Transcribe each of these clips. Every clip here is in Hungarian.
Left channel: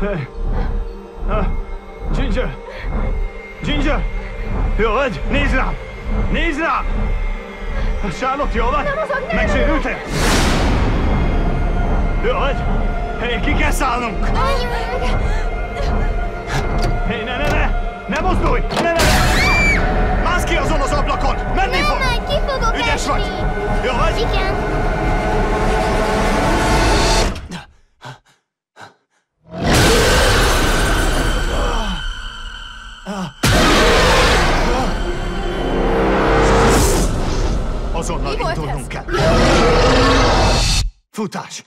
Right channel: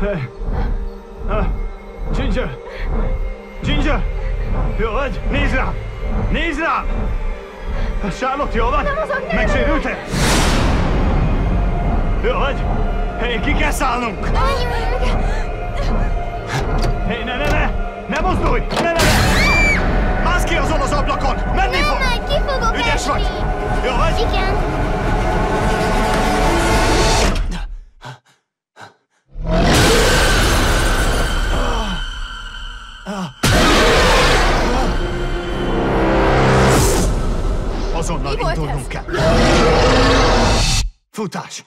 Hey. Ginger! Ginger! Jó vagy? Nézd rám! Nézd rám! Charlotte, jó vagy? Nem mozog, nem! Megsérültél? Jó vagy? Hey, ki kell szállnunk! Hey, ne! Ne mozdulj! Ne! Mász ki azon az ablakon! Menni fog! Nem megy, ki fogok Ügyes esni! vagy! Jó vagy? Igen! Azonnal indulnunk kell. Futás!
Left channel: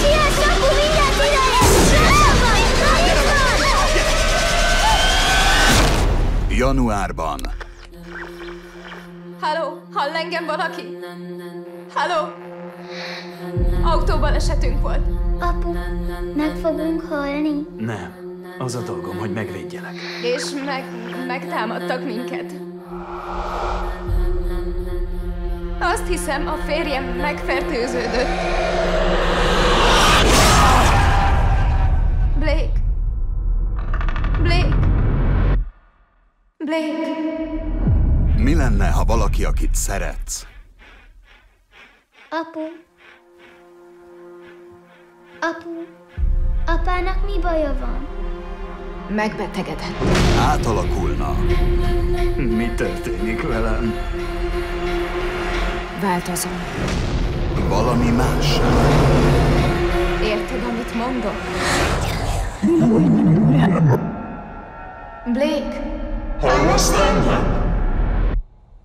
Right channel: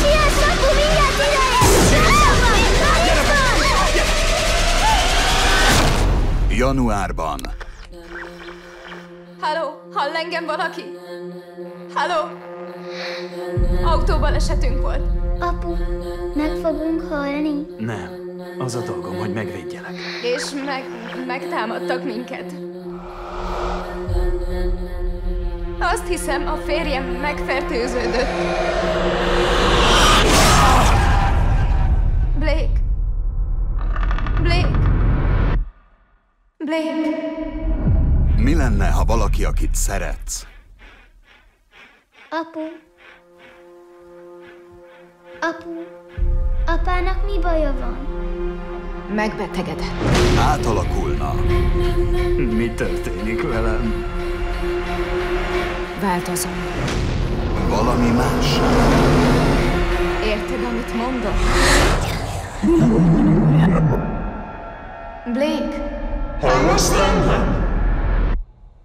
Siess, apu, mindjárt ideér! Gyere be! Gyere! Januárban. Halló, hall engem valaki? Halló? Autóbalesetünk volt. Apu, meg fogunk halni? Nem. Az a dolgom, hogy megvédjelek. És megtámadtak minket. Azt hiszem, a férjem megfertőződött. Blake. Mi lenne, ha valaki, akit szeretsz? Apu, apának mi baja van? Megbetegedett. Átalakulna. Mi történik velem? Változom. Valami mássá. Érted, amit mondok? Blake. Hallasz engem?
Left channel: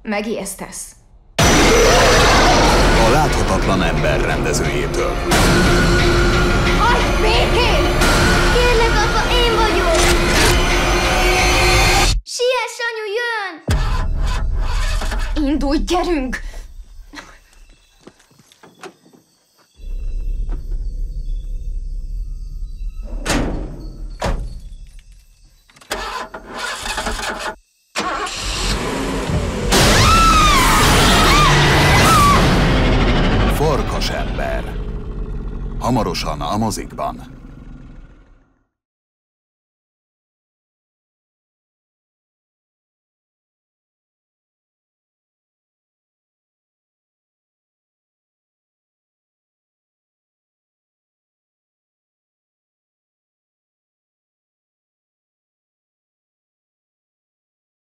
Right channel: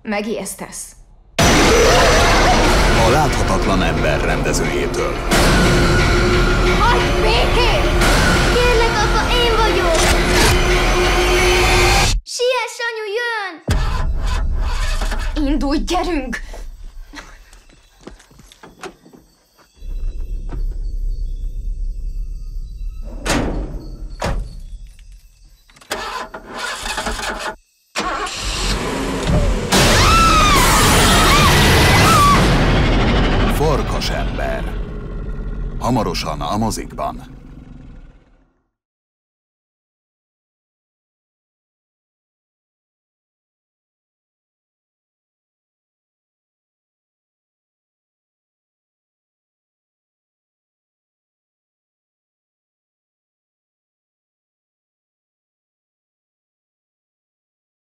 Megijesztesz. A láthatatlan ember rendezőjétől. Hagyd békén! Kérlek, apa, én vagyok! Siess, anyu, jön! Indulj, gyerünk! Farkasember. Hamarosan a mozikban.